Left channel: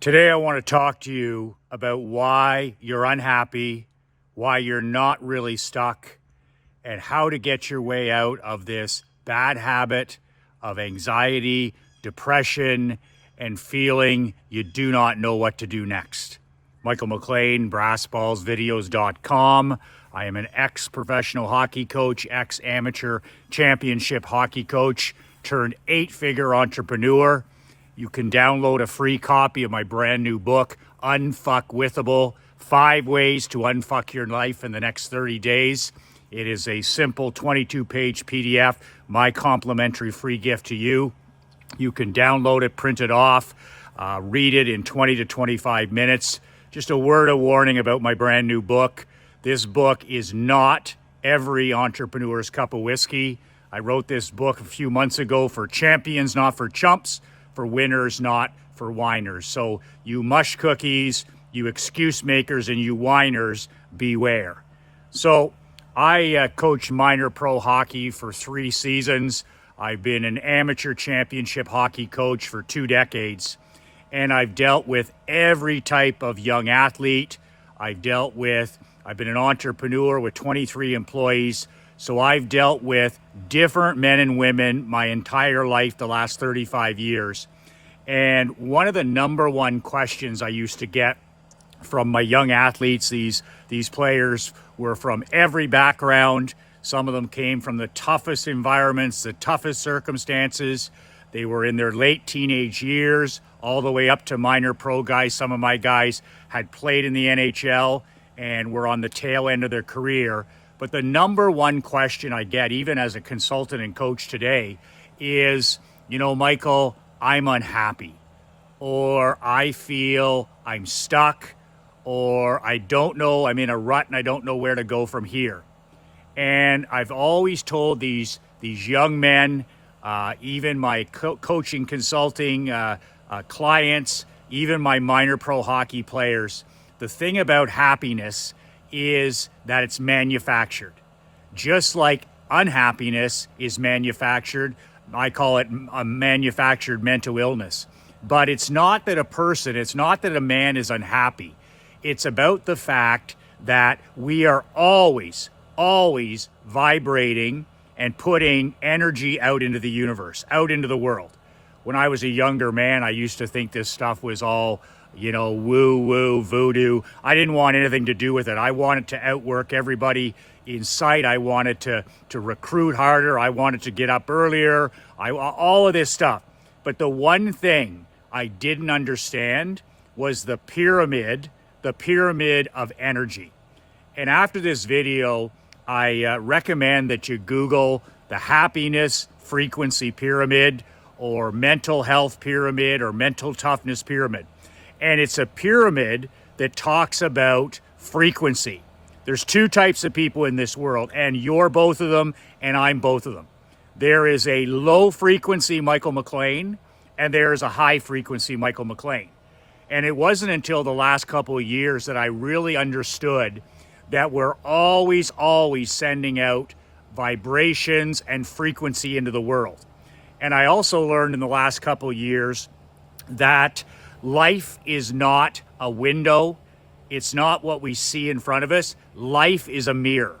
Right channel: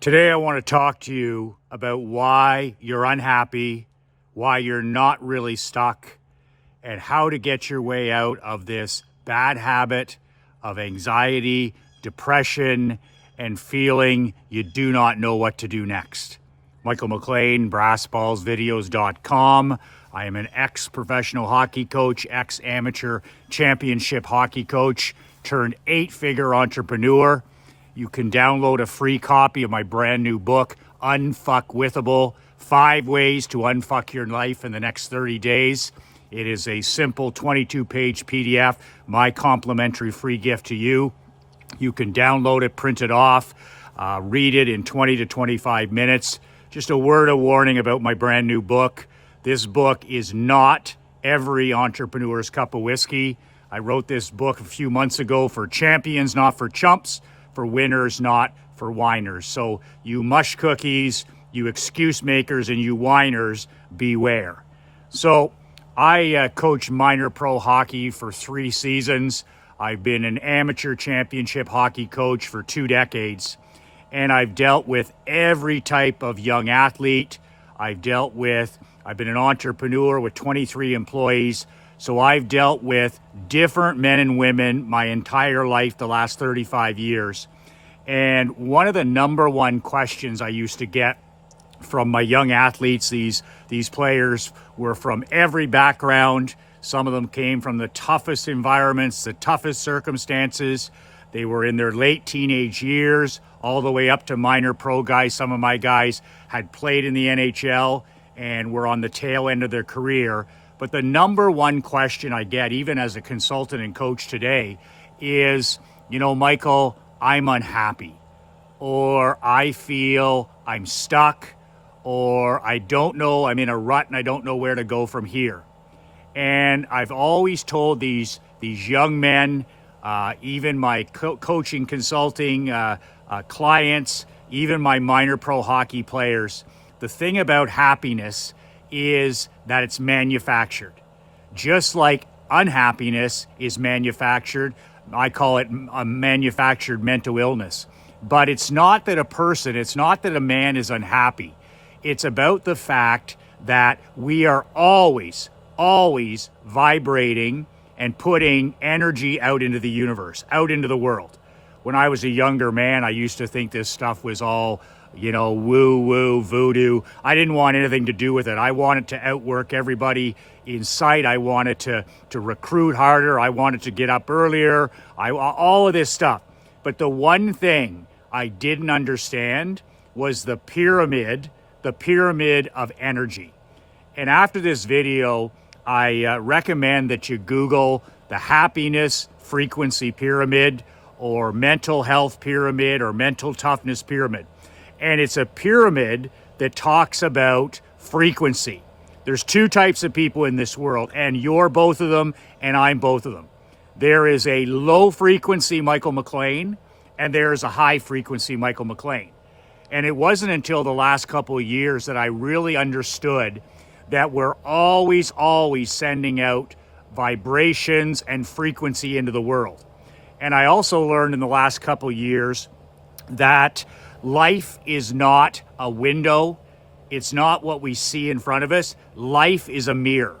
Today, I want to talk to you about why you're unhappy, why you're not really stuck, and how to get your way out of this bad habit of anxiety, depression, and feeling you do not know what to do next. Michael McLean, BrassBallsVideos.com. I am an ex-professional hockey coach, ex-amateur championship hockey coach, turned 8-figure entrepreneur. You can download a free copy of my brand new book, Unfuckwithable, 5 Ways to Unfuck Your Life in the Next 30 Days. It is a simple 22-page PDF, my complimentary free gift to you. You can download it, print it off, read it in 20 to 25 minutes. Just a word of warning about my brand new book. This book is not every entrepreneur's cup of whiskey. I wrote this book a few months ago for champions, not for chumps, for winners, not for whiners. So you mush cookies, you excuse makers, and you whiners, beware. So I coach minor pro hockey for 3 seasons. I've been an amateur championship hockey coach for 2 decades. And I've dealt with every type of young athlete. I've been an entrepreneur with 23 employees. So I've dealt with different men and women my entire life, the last 35 years. And one of the number one questions I used to get from my young athletes, these players were from every background. Some of them came from the toughest environments, the toughest circumstances. They were in their late teenage years, all the way up to minor pro guys. Some of my guys had played in the NHL and were on the tail end of their career. But the number one question I get, even as a consultant and coach today, is, Michael, I'm unhappy, or I feel I'm stuck, or I don't know, I'm in a rut and I don't know where to go from here. And I've always told these young men, even my coaching, consulting clients, even my minor pro hockey players, the thing about happiness is that it's manufactured. Just like unhappiness is manufactured, I call it a manufactured mental illness. But it's not that a man is unhappy. It's about the fact that we are always vibrating and putting energy out into the universe, out into the world. When I was a younger man, I used to think this stuff was all, woo-woo, voodoo. I didn't want anything to do with it. I wanted to outwork everybody in sight. I wanted to recruit harder. I wanted to get up earlier. All of this stuff. But the one thing I didn't understand was the pyramid of energy. And after this video, I recommend that you Google the happiness frequency pyramid, or mental health pyramid, or mental toughness pyramid. And it's a pyramid that talks about frequency. There's 2 types of people in this world, and you're both of them, and I'm both of them. There is a low frequency Michael McLean, and there is a high frequency Michael McLean. And it wasn't until the last couple of years that I really understood that we're always sending out vibrations and frequency into the world. And I also learned in the last couple of years that life is not a window. It's not what we see in front of us. Life is a mirror,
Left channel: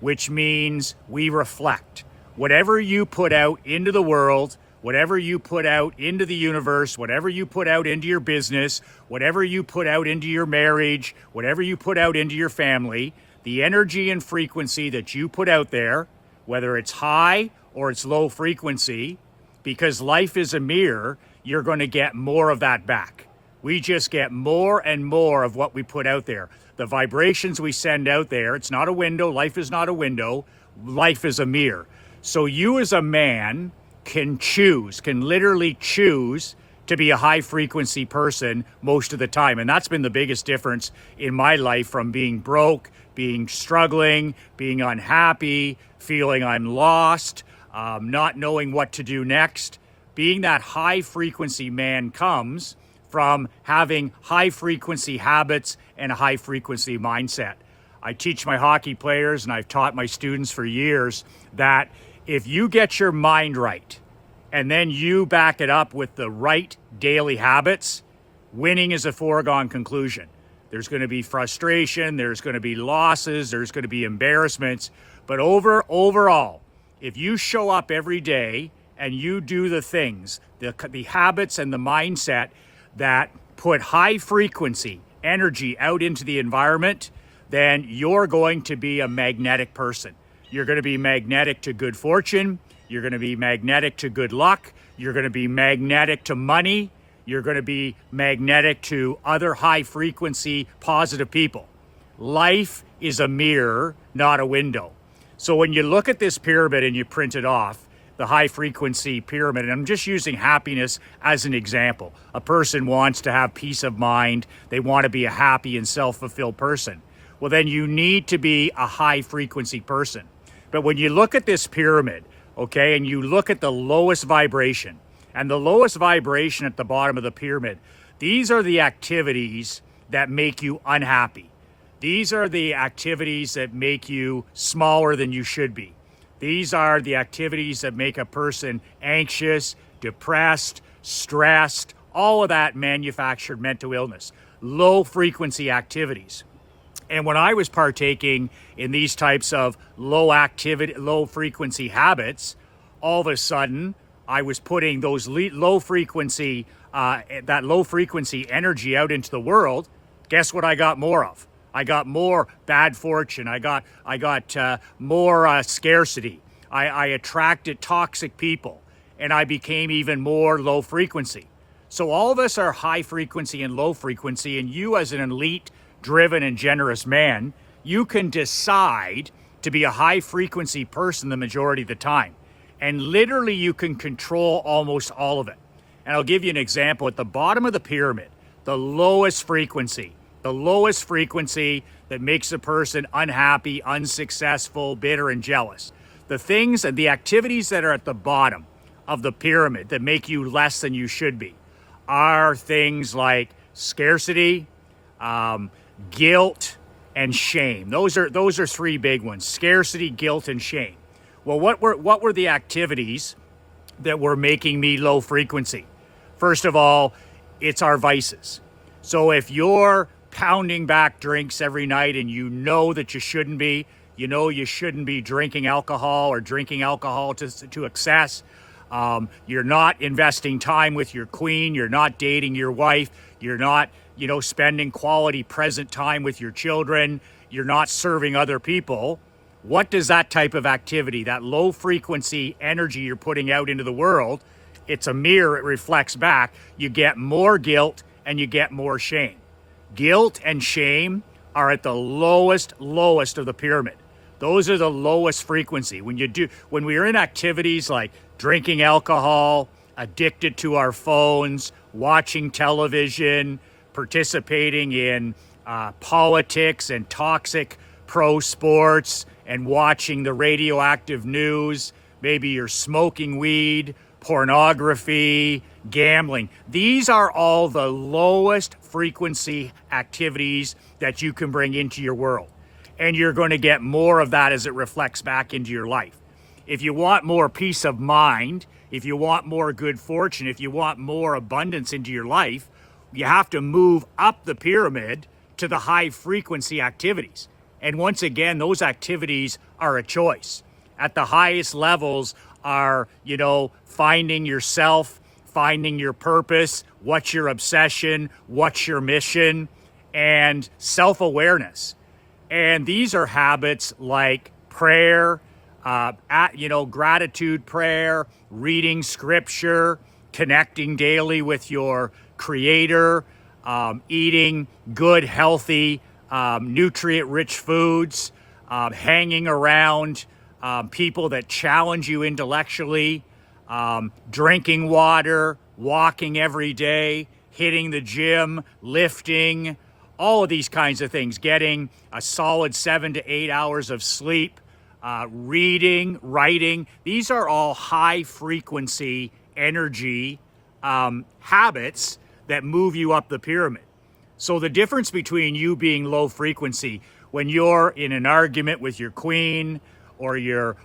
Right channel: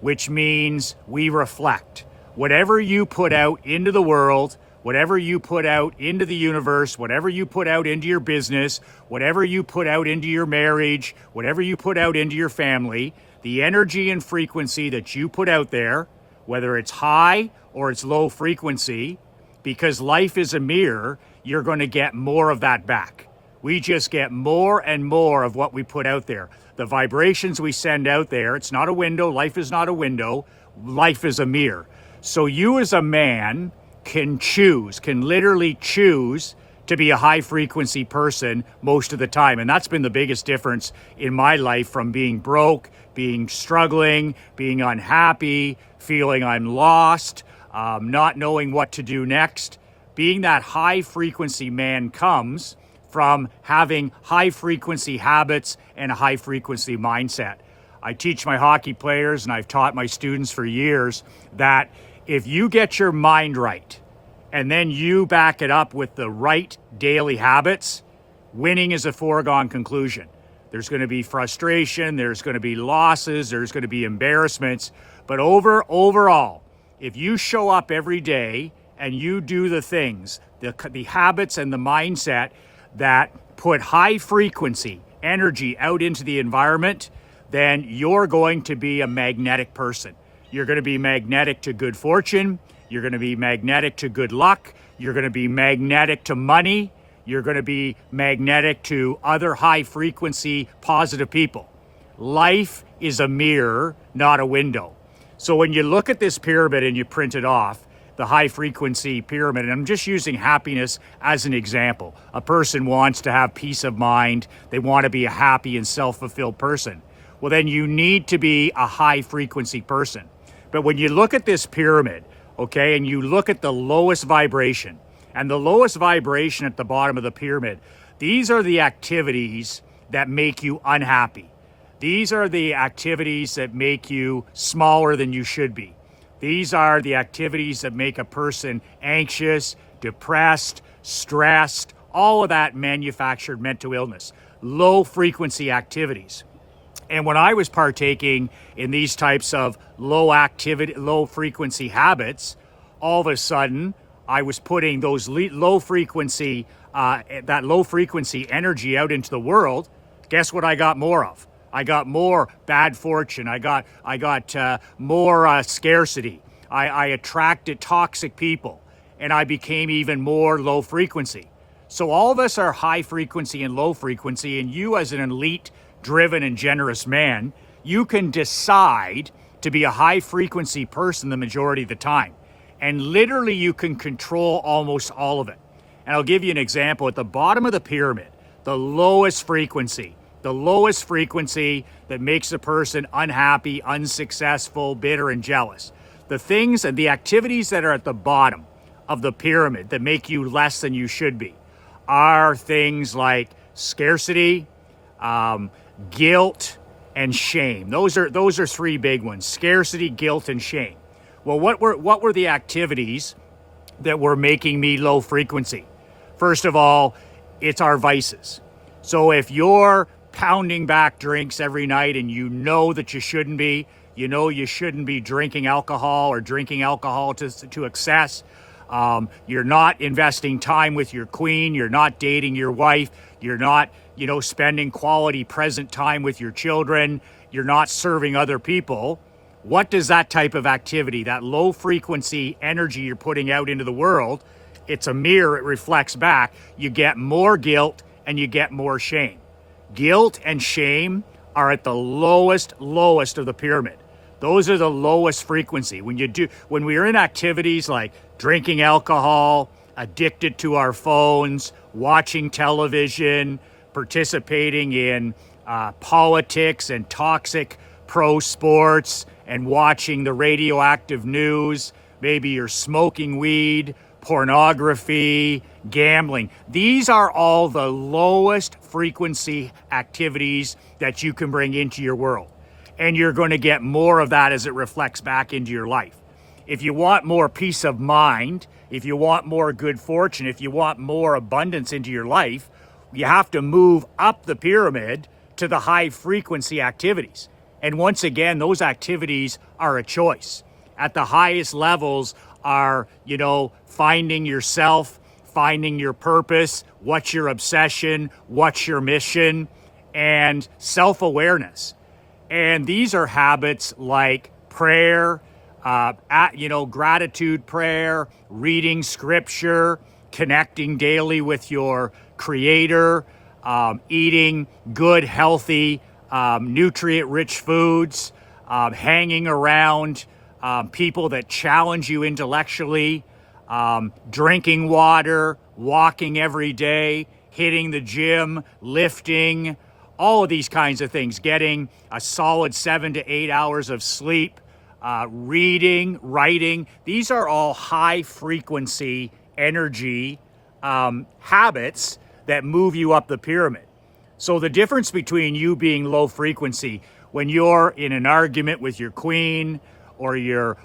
which means we reflect. Whatever you put out into the world, whatever you put out into the universe, whatever you put out into your business, whatever you put out into your marriage, whatever you put out into your family, the energy and frequency that you put out there, whether it's high or it's low frequency, because life is a mirror, you're going to get more of that back. We just get more and more of what we put out there. The vibrations we send out there, it's not a window. Life is not a window. Life is a mirror. So you as a man can literally choose to be a high frequency person most of the time. And that's been the biggest difference in my life, from being broke, being struggling, being unhappy, feeling I'm lost, not knowing what to do next. Being that high frequency man comes from having high frequency habits and a high frequency mindset. I teach my hockey players, and I've taught my students for years, that if you get your mind right and then you back it up with the right daily habits, winning is a foregone conclusion. There's going to be frustration, there's going to be losses, there's going to be embarrassments. But overall, if you show up every day and you do the things, the habits and the mindset that put high frequency energy out into the environment, then you're going to be a magnetic person. You're going to be magnetic to good fortune. You're going to be magnetic to good luck. You're going to be magnetic to money. You're going to be magnetic to other high frequency positive people. Life is a mirror, not a window. So when you look at this pyramid and you print it off, the high frequency pyramid, and I'm just using happiness as an example. A person wants to have peace of mind. They want to be a happy and self-fulfilled person. Well, then you need to be a high frequency person. But when you look at this pyramid, okay, and you look at the lowest vibration, and the lowest vibration at the bottom of the pyramid, these are the activities that make you unhappy. These are the activities that make you smaller than you should be. These are the activities that make a person anxious, depressed, stressed, all of that manufactured mental illness, low frequency activities. And when I was partaking in these types of low frequency habits, all of a sudden I was putting those low frequency energy out into the world. Guess what I got more of? I got more bad fortune. I got more scarcity. I attracted toxic people, and I became even more low frequency. So all of us are high frequency and low frequency, and you as an elite, driven and generous man, you can decide to be a high frequency person the majority of the time. And literally you can control almost all of it. And I'll give you an example. At the bottom of the pyramid, the lowest frequency that makes a person unhappy, unsuccessful, bitter, and jealous. The things and the activities that are at the bottom of the pyramid that make you less than you should be are things like scarcity, guilt, and shame. Those are three big ones: scarcity, guilt, and shame. Well, what were the activities that were making me low frequency? First of all, it's our vices. So if you're pounding back drinks every night and you know that you shouldn't be, you shouldn't be drinking alcohol or drinking alcohol to excess. You're not investing time with your queen. You're not dating your wife. You're not, spending quality present time with your children. You're not serving other people. What does that type of activity, that low frequency energy you're putting out into the world, it's a mirror, it reflects back. You get more guilt and you get more shame. Guilt and shame are at the lowest of the pyramid. Those are the lowest frequency. When we are in activities like drinking alcohol, addicted to our phones, watching television, participating in politics and toxic pro sports, and watching the radioactive news, maybe you're smoking weed, pornography, gambling. These are all the lowest frequency activities that you can bring into your world. And you're going to get more of that as it reflects back into your life. If you want more peace of mind, if you want more good fortune, if you want more abundance into your life, you have to move up the pyramid to the high frequency activities. And once again, those activities are a choice. At the highest levels are, finding yourself, finding your purpose, what's your obsession, what's your mission, and self-awareness. And these are habits like prayer, gratitude prayer, reading scripture, connecting daily with your creator, eating good, healthy, nutrient-rich foods, hanging around people that challenge you intellectually, drinking water, walking every day, hitting the gym, lifting, all of these kinds of things, getting a solid 7 to 8 hours of sleep, reading, writing. These are all high frequency energy habits that move you up the pyramid. So the difference between you being low frequency when you're in an argument with your queen, or you're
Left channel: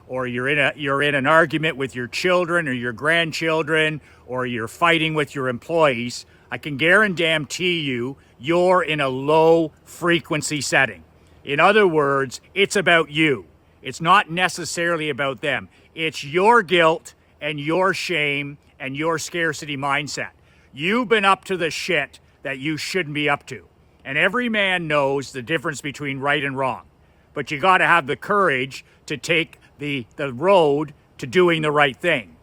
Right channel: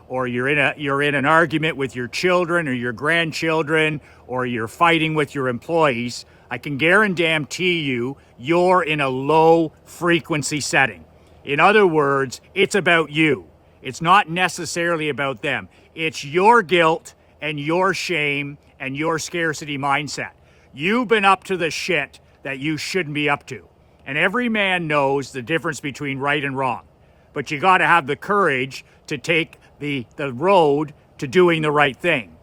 in an argument with your children or your grandchildren, or you're fighting with your employees, I can guarantee you, you're in a low frequency setting. In other words, it's about you. It's not necessarily about them. It's your guilt and your shame and your scarcity mindset. You've been up to the shit that you shouldn't be up to. And every man knows the difference between right and wrong. But you got to have the courage to take the road to doing the right thing.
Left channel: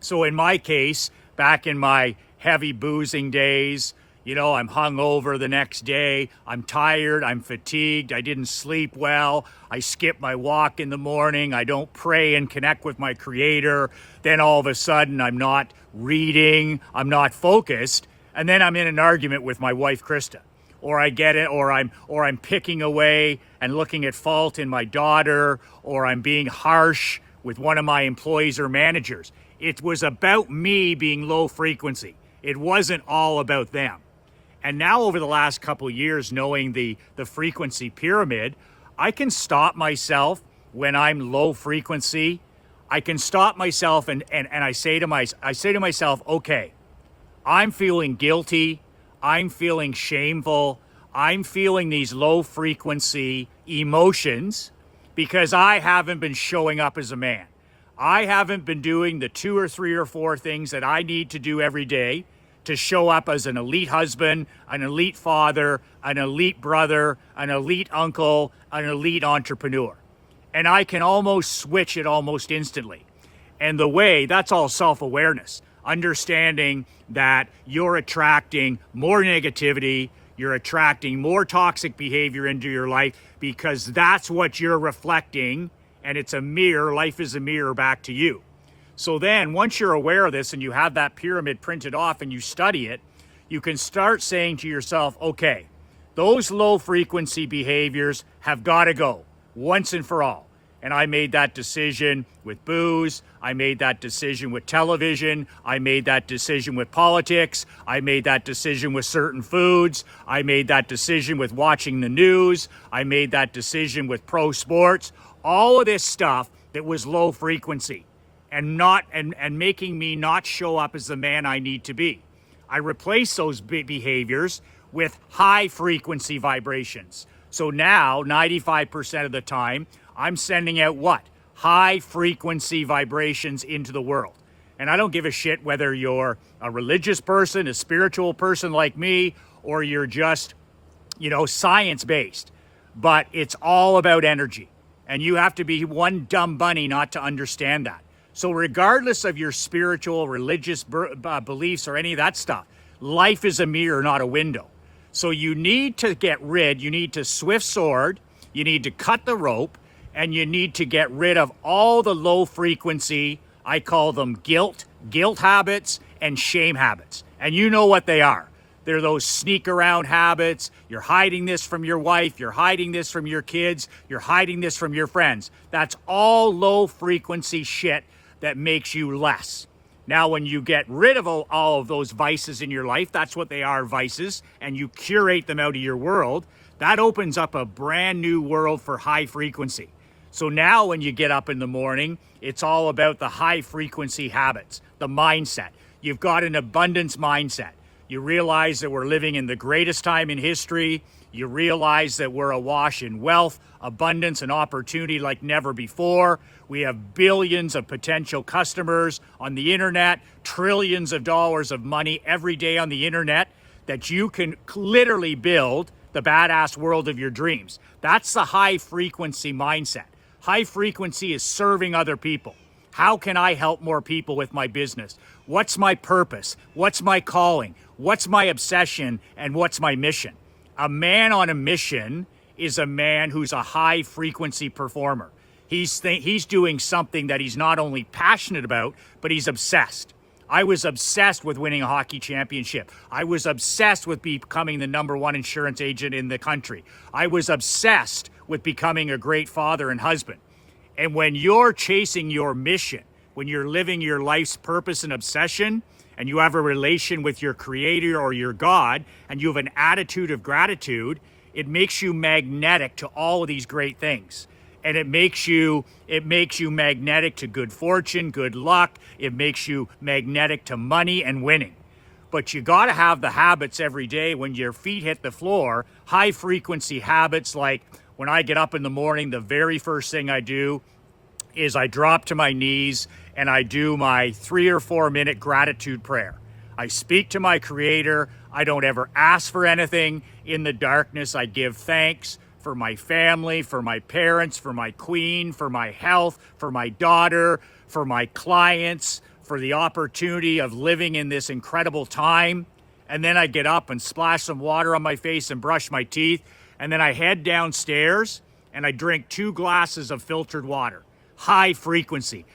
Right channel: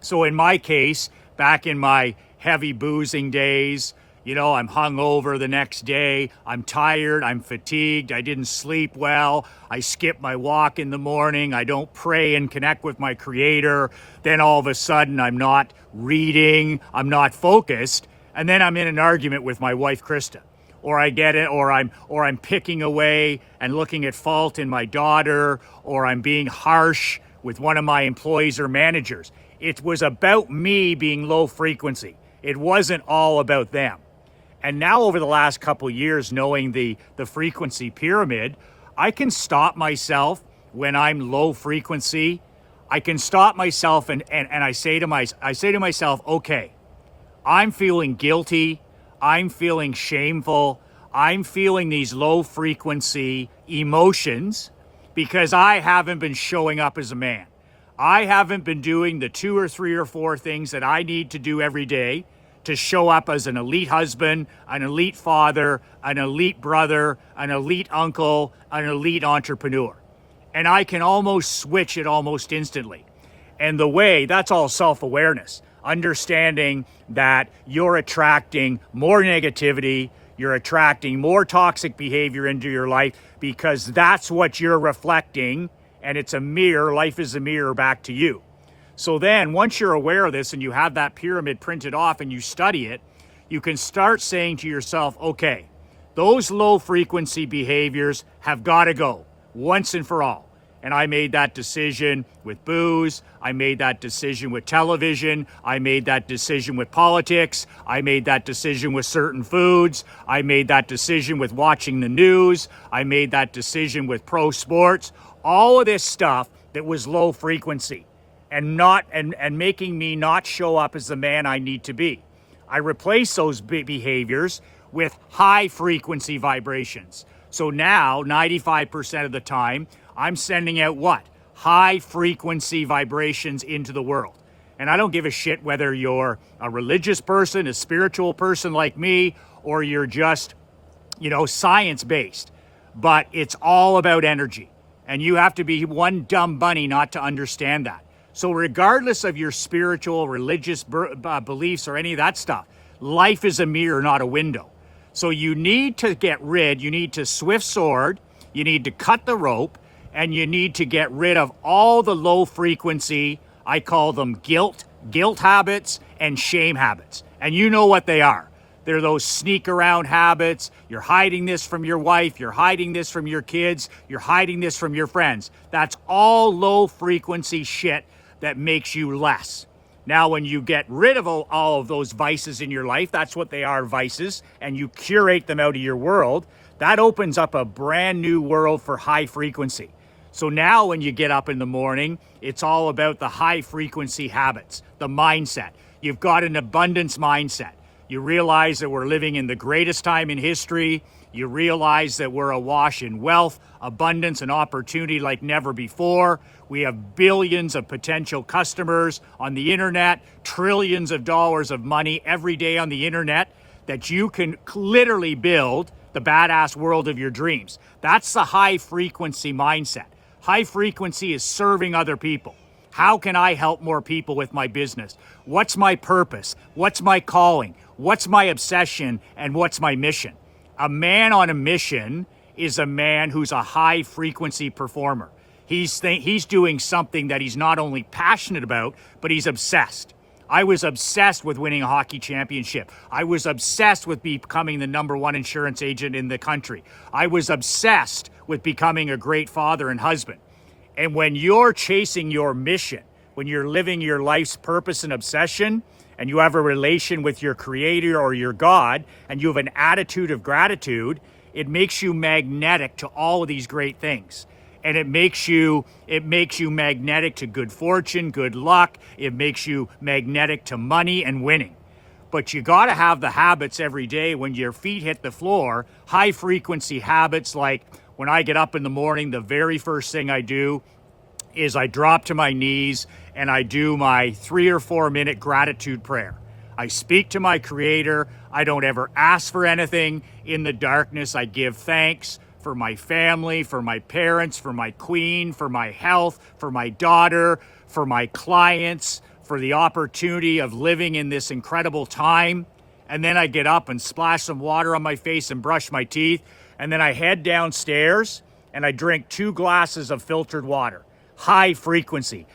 So in my case, back in my heavy boozing days, you know, I'm hungover the next day, I'm tired, I'm fatigued, I didn't sleep well, I skip my walk in the morning, I don't pray and connect with my creator, then all of a sudden I'm not reading, I'm not focused, and then I'm in an argument with my wife, Krista. Or I get it, or I'm picking away and looking at fault in my daughter, or I'm being harsh with one of my employees or managers. It was about me being low frequency. It wasn't all about them. And now over the last couple of years, knowing the frequency pyramid, I can stop myself when I'm low frequency. I can stop myself and I say to myself, okay, I'm feeling guilty. I'm feeling shameful. I'm feeling these low frequency emotions because I haven't been showing up as a man. I haven't been doing the 2 or 3 or 4 things that I need to do every day to show up as an elite husband, an elite father, an elite brother, an elite uncle, an elite entrepreneur. And I can almost switch it almost instantly. And that's all self-awareness, understanding that you're attracting more negativity, you're attracting more toxic behavior into your life because that's what you're reflecting, and it's a mirror, life is a mirror back to you. So then once you're aware of this and you have that pyramid printed off and you study it, you can start saying to yourself, okay, those low frequency behaviors have got to go once and for all. And I made that decision with booze. I made that decision with television. I made that decision with politics. I made that decision with certain foods. I made that decision with watching the news. I made that decision with pro sports. All of this stuff that was low frequency and making me not show up as the man I need to be. I replaced those behaviors with high frequency vibrations. So now 95% of the time, I'm sending out what? High frequency vibrations into the world. And I don't give a shit whether you're a religious person, a spiritual person like me, or you're just, science-based. But it's all about energy. And you have to be one dumb bunny not to understand that. So regardless of your spiritual, religious beliefs or any of that stuff, life is a mirror, not a window. So you need to you need to swift sword, you need to cut the rope, and you need to get rid of all the low frequency, I call them guilt habits and shame habits. And you know what they are. They're those sneak around habits. You're hiding this from your wife. You're hiding this from your kids. You're hiding this from your friends. That's all low frequency shit that makes you less. Now, when you get rid of all of those vices in your life, that's what they are, vices, and you curate them out of your world, that opens up a brand new world for high frequency. So now when you get up in the morning, it's all about the high frequency habits, the mindset. You've got an abundance mindset. You realize that we're living in the greatest time in history. You realize that we're awash in wealth, abundance, and opportunity like never before. We have billions of potential customers on the internet, trillions of dollars of money every day on the internet that you can literally build the badass world of your dreams. That's the high frequency mindset. High frequency is serving other people. How can I help more people with my business? What's my purpose? What's my calling? What's my obsession? And what's my mission? A man on a mission is a man who's a high frequency performer. He's doing something that he's not only passionate about, but he's obsessed. I was obsessed with winning a hockey championship. I was obsessed with becoming the #1 insurance agent in the country. I was obsessed with becoming a great father and husband. And when you're chasing your mission, when you're living your life's purpose and obsession, and you have a relation with your creator or your God, and you have an attitude of gratitude, it makes you magnetic to all of these great things. And it makes you magnetic to good fortune, good luck. It makes you magnetic to money and winning. but you got to have the habits every day when your feet hit the floor, high frequency habits. Like when I get up in the morning, the very first thing I do is I drop to my knees and I do my 3 or 4 minute gratitude prayer. I speak to my Creator. I don't ever ask for anything. In the darkness, I give thanks for my family, for my parents, for my queen, for my health, for my daughter, for my clients, for the opportunity of living in this incredible time. And then I get up and splash some water on my face and brush my teeth. And then I head downstairs and I drink 2 glasses of filtered water. High frequency,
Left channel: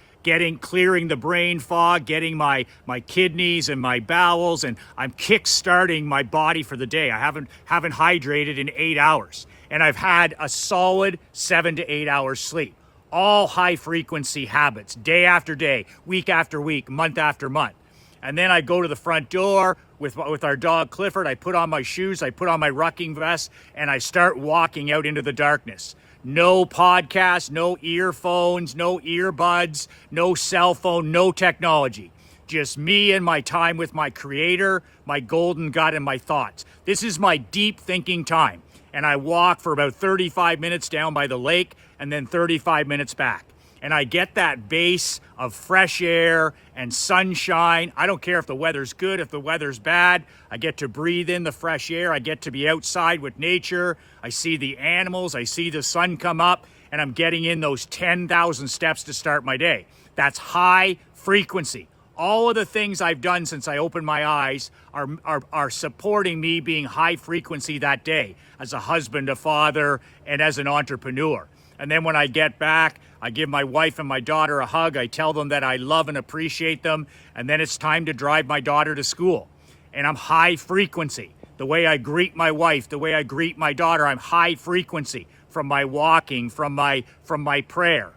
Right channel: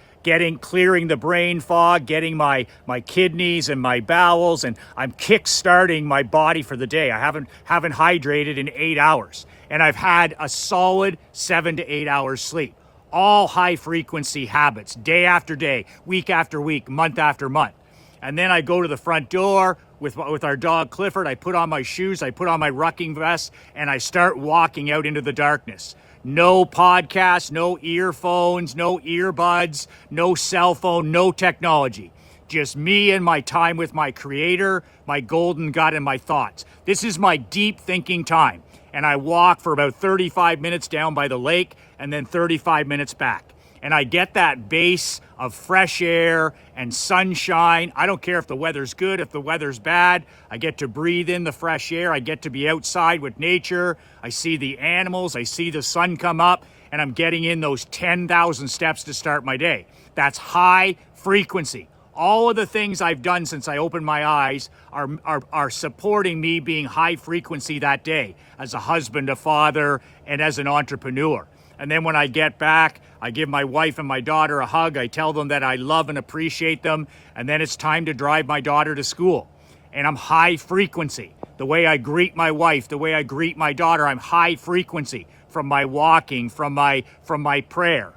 clearing the brain fog, getting my kidneys and my bowels, and I'm kick-starting my body for the day. I haven't hydrated in 8 hours, and I've had a solid 7 to 8 hours sleep. All high frequency habits, day after day, week after week, month after month. And then I go to the front door with our dog Clifford. I put on my shoes, I put on my rucking vest, and I start walking out into the darkness. No podcasts, no earphones, no earbuds, no cell phone, no technology. Just me and my time with my Creator, my golden gut, and my thoughts. This is my deep thinking time. And I walk for about 35 minutes down by the lake and then 35 minutes back. And I get that base of fresh air and sunshine. I don't care if the weather's good, if the weather's bad. I get to breathe in the fresh air. I get to be outside with nature. I see the animals. I see the sun come up, and I'm getting in those 10,000 steps to start my day. That's high frequency. All of the things I've done since I opened my eyes are supporting me being high frequency that day as a husband, a father, and as an entrepreneur. And then when I get back, I give my wife and my daughter a hug. I tell them that I love and appreciate them. And then it's time to drive my daughter to school. And I'm high frequency. The way I greet my wife, the way I greet my daughter, I'm high frequency from my walking, from my prayer.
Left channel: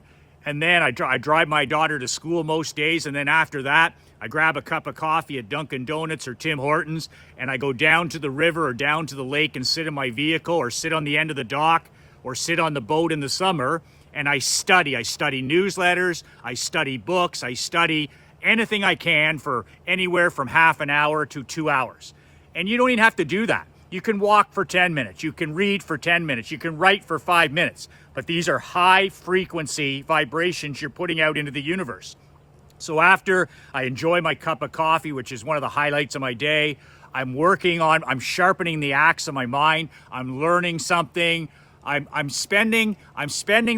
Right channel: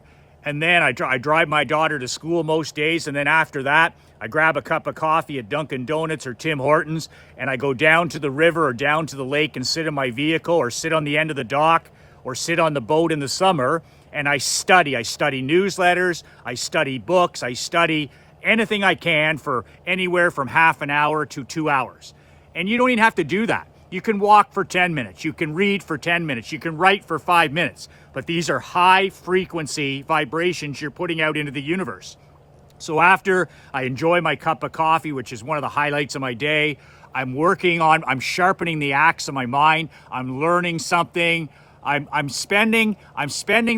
And then I drive my daughter to school most days. And then after that, I grab a cup of coffee at Dunkin' Donuts or Tim Hortons. And I go down to the river or down to the lake and sit in my vehicle or sit on the end of the dock or sit on the boat in the summer, and I study. I study newsletters, I study books, I study anything I can for anywhere from half an hour to 2 hours. And you don't even have to do that. You can walk for 10 minutes, you can read for 10 minutes, you can write for 5 minutes, but these are high frequency vibrations you're putting out into the universe. So after I enjoy my cup of coffee, which is one of the highlights of my day, I'm sharpening the axe of my mind, I'm learning something. I'm spending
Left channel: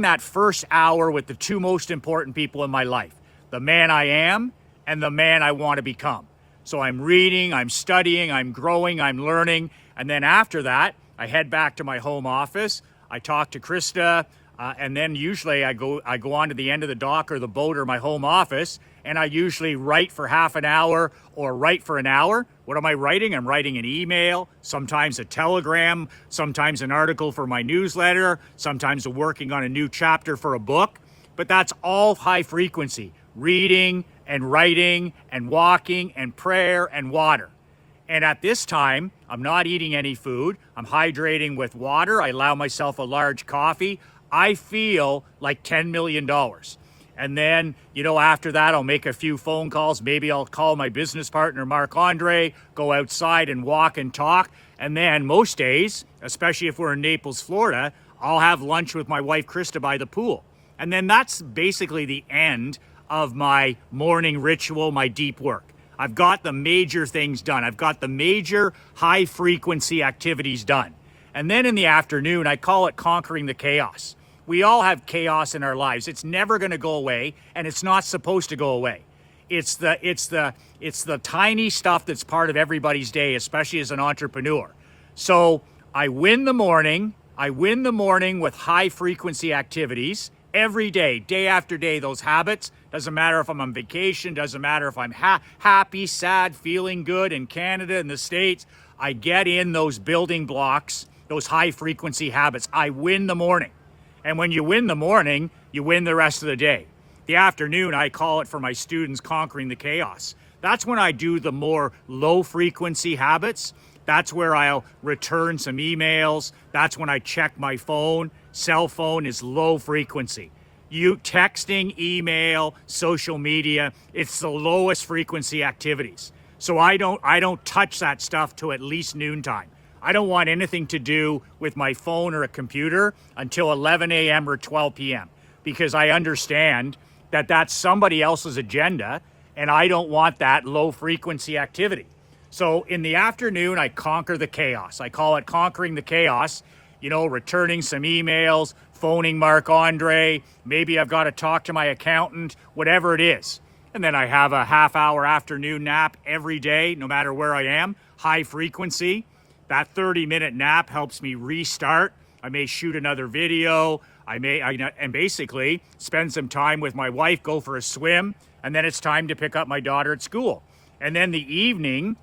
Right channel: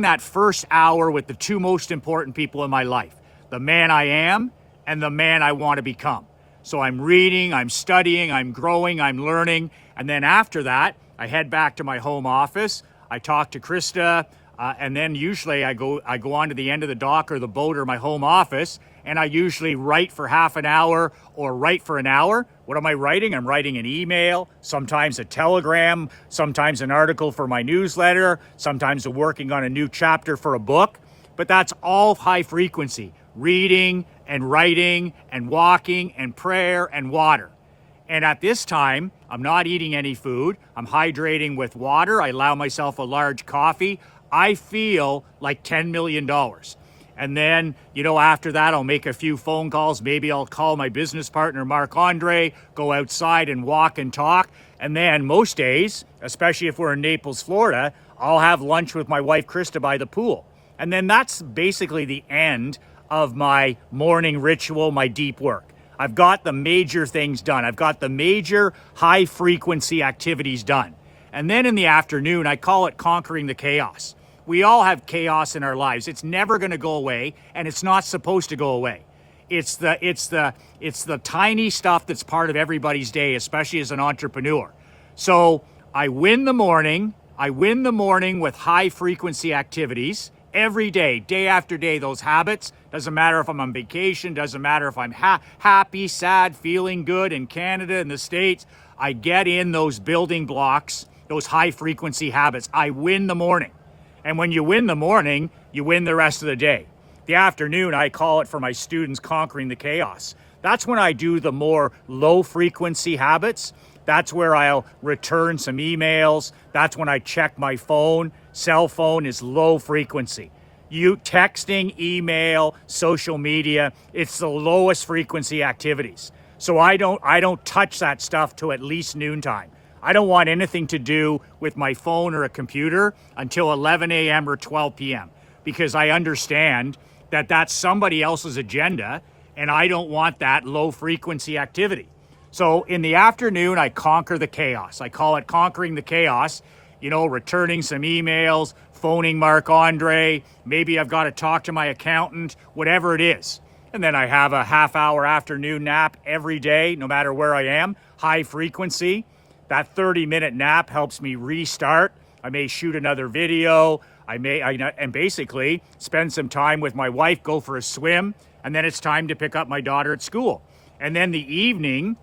that first hour with the 2 most important people in my life, the man I am and the man I want to become. So I'm reading, I'm studying, I'm growing, I'm learning. And then after that, I head back to my home office. I talk to Krista, and then usually I go on to the end of the dock or the boat or my home office, and I usually write for half an hour or write for an hour. What am I writing? I'm writing an email, sometimes a telegram, sometimes an article for my newsletter, sometimes working on a new chapter for a book. But that's all high frequency, reading and writing and walking and prayer and water. And at this time, I'm not eating any food. I'm hydrating with water. I allow myself a large coffee. I feel like $10 million. And then, after that, I'll make a few phone calls. Maybe I'll call my business partner, Mark Andre, go outside and walk and talk. And then most days, especially if we're in Naples, Florida, I'll have lunch with my wife, Krista, by the pool. And then that's basically the end of my morning ritual, my deep work. I've got the major things done. I've got the major high frequency activities done. And then in the afternoon, I call it conquering the chaos. We all have chaos in our lives. It's never going to go away, and it's not supposed to go away. It's the tiny stuff that's part of everybody's day, especially as an entrepreneur. So I win the morning with high frequency activities every day, day after day. Those habits, doesn't matter if I'm on vacation, doesn't matter if I'm happy, sad, feeling good in Canada, in the States. I get in those building blocks, those high frequency habits. I win the morning. And when you win the morning, you win the rest of the day. The afternoon, I call it for my students conquering the chaos. That's when I do the more low frequency habits. That's where I'll return some emails. That's when I check my phone. Cell phone is low frequency. Texting, email, social media, it's the lowest frequency activities. So I don't touch that stuff till at least noontime. I don't want anything to do with my phone or a computer until 11 a.m. or 12 p.m. because I understand that that's somebody else's agenda and I don't want that low frequency activity. So in the afternoon, I conquer the chaos. I call it conquering the chaos, you know, returning some emails, phoning Marc-Andre, maybe I've got to talk to my accountant, whatever it is. And then I have a half-hour afternoon nap every day, no matter where I am, high frequency. That 30-minute nap helps me restart. I may shoot another video. And basically spend some time with my wife, go for a swim, and then it's time to pick up my daughter at school. And then the evening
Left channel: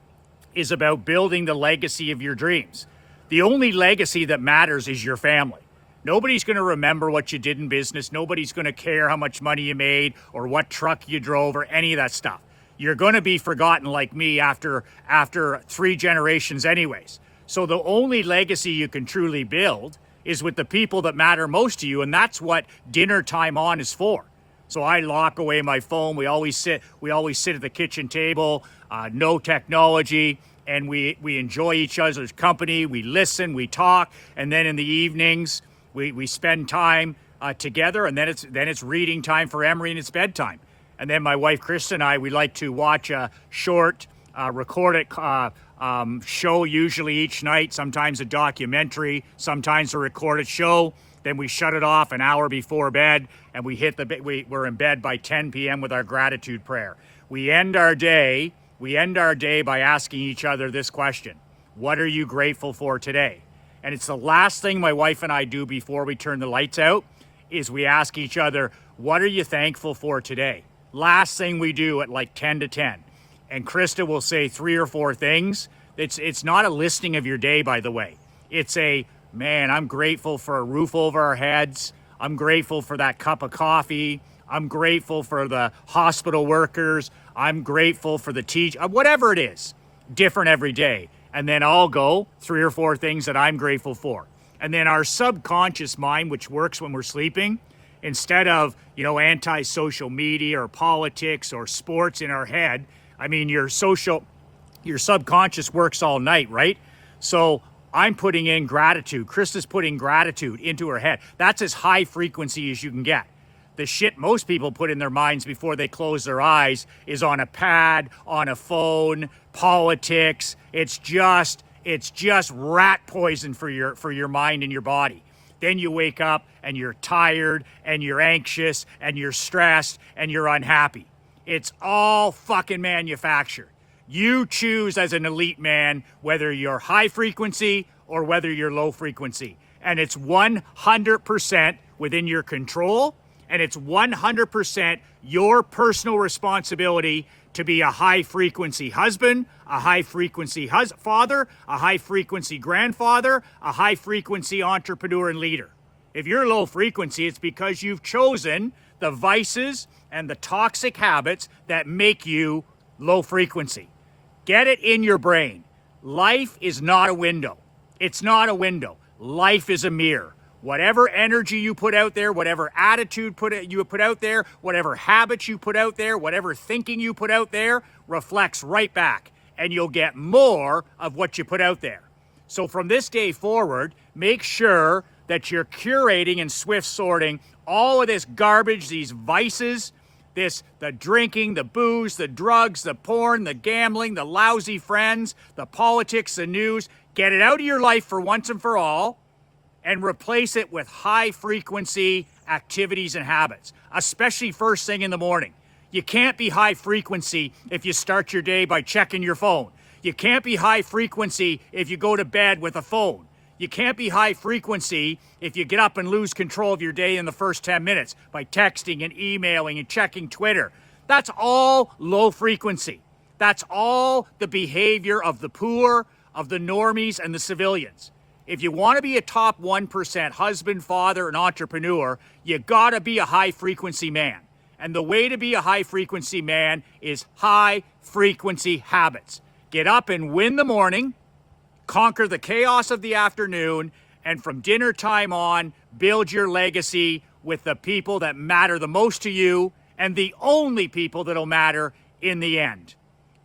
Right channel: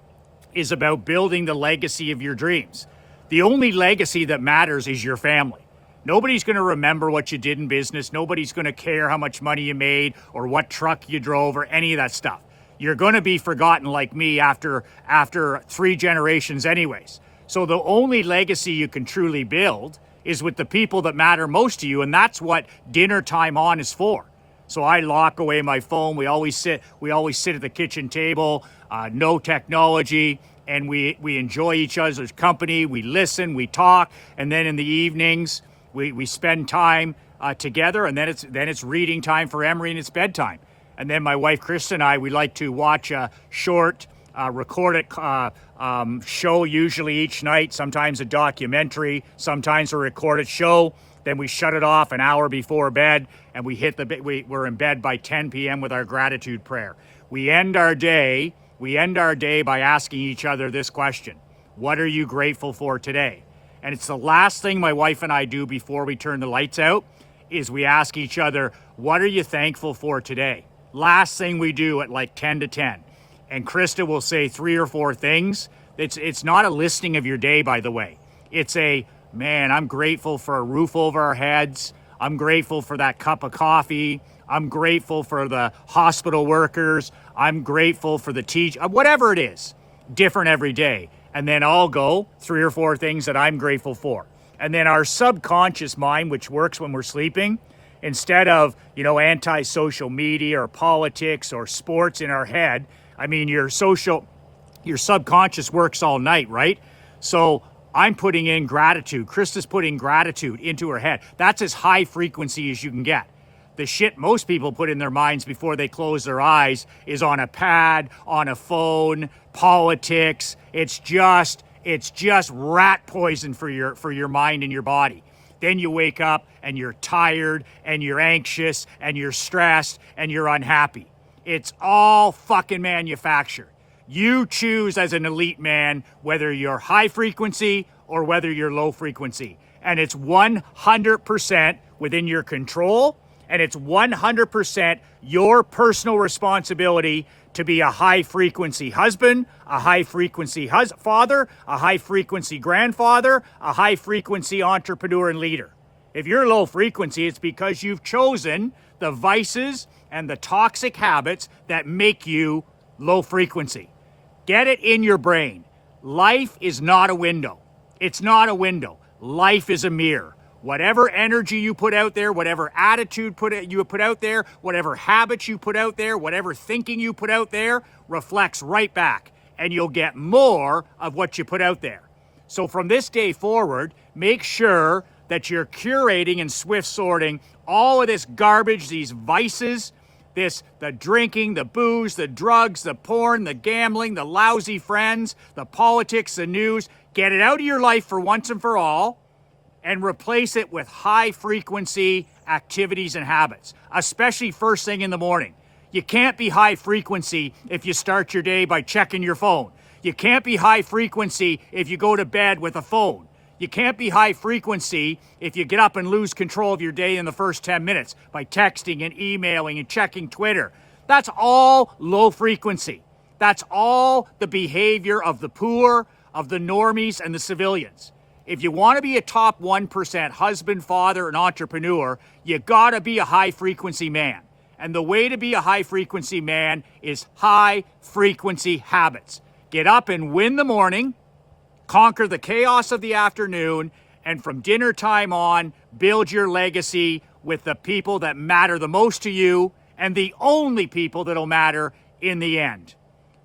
is about building the legacy of your dreams. The only legacy that matters is your family. Nobody's going to remember what you did in business. Nobody's going to care how much money you made or what truck you drove or any of that stuff. You're going to be forgotten like me after 3 generations anyways. So the only legacy you can truly build is with the people that matter most to you, and that's what dinner time on is for. So I lock away my phone. We always sit at the kitchen table, no technology, and we enjoy each other's company. We listen, we talk, and then in the evenings we spend time together, and then it's reading time for Emery and it's bedtime. And then my wife Krista and I, we like to watch a short recorded show, usually each night, sometimes a documentary, sometimes a recorded show. Then we shut it off an hour before bed, and we're in bed by 10 p.m. with our gratitude prayer. We end our day by asking each other this question: what are you grateful for today? And it's the last thing my wife and I do before we turn the lights out, is we ask each other, what are you thankful for today? Last thing we do at like 10 to 10. And Krista will say 3 or 4 things. It's not a listing of your day, by the way. It's man, I'm grateful for a roof over our heads. I'm grateful for that cup of coffee. I'm grateful for the hospital workers. I'm grateful for the teacher, whatever it is, different every day. And then I'll go 3 or 4 things that I'm grateful for. And then our subconscious mind, which works when we're sleeping, instead of, anti-social media or politics or sports in our head, I mean, your subconscious works all night, right? So I'm putting in gratitude. Krista's putting gratitude into her head. That's as high frequency as you can get. The shit most people put in their minds before they close their eyes is on a pad, on a phone, politics. It's just rat poison for your mind and your body. Then you wake up and you're tired and you're anxious and you're stressed and you're unhappy. It's all fucking manufactured. You choose as an elite man whether you're high frequency or whether you're low frequency. And it's 100% within your control, and it's 100% your personal responsibility to be a high frequency husband, a high frequency father, a high frequency grandfather, a high frequency entrepreneur and leader. If you're low frequency, it's because you've chosen the vices and the toxic habits that make you low frequency. Get it in your brain. Life is not a window. It's not a window. Life is a mirror. Whatever energy you put out there, whatever attitude you put out there, whatever habits you put out there, whatever thinking you put out there, reflects right back. And you'll get more of what you put out there. So from this day forward, make sure that you're curating and swift sorting all of this garbage, these vices, the drinking, the booze, the drugs, the porn, the gambling, the lousy friends, the politics, the news. Get it out of your life for once and for all, and replace it with high frequency activities and habits, especially first thing in the morning. You can't be high frequency if you start your day by checking your phone. You can't be high frequency if you go to bed with a phone. You can't be high frequency if you get up and lose control of your day in the first 10 minutes by texting and emailing and checking Twitter. That's all low frequency. That's all the behavior of the poor, of the normies, and the civilians. If you want to be a top 1% husband, father, and entrepreneur, you gotta be a high frequency man. And the way to be a high frequency man is high frequency habits. Get up and win the morning, conquer the chaos of the afternoon, and from dinner time on, build your legacy with the people that matter the most to you and the only people that'll matter in the end.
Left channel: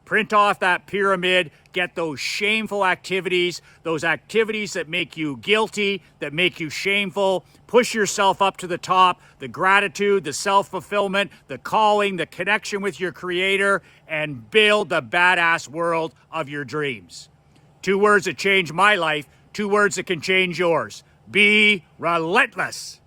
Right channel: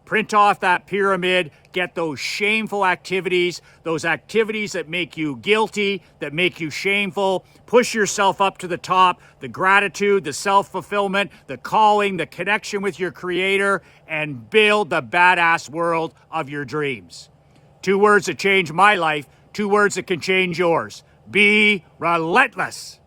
Print off that pyramid, get those shameful activities, those activities that make you guilty, that make you shameful. Push yourself up to the top, the gratitude, the self-fulfillment, the calling, the connection with your creator, and build the badass world of your dreams. 2 words that changed my life, 2 words that can change yours. Be relentless.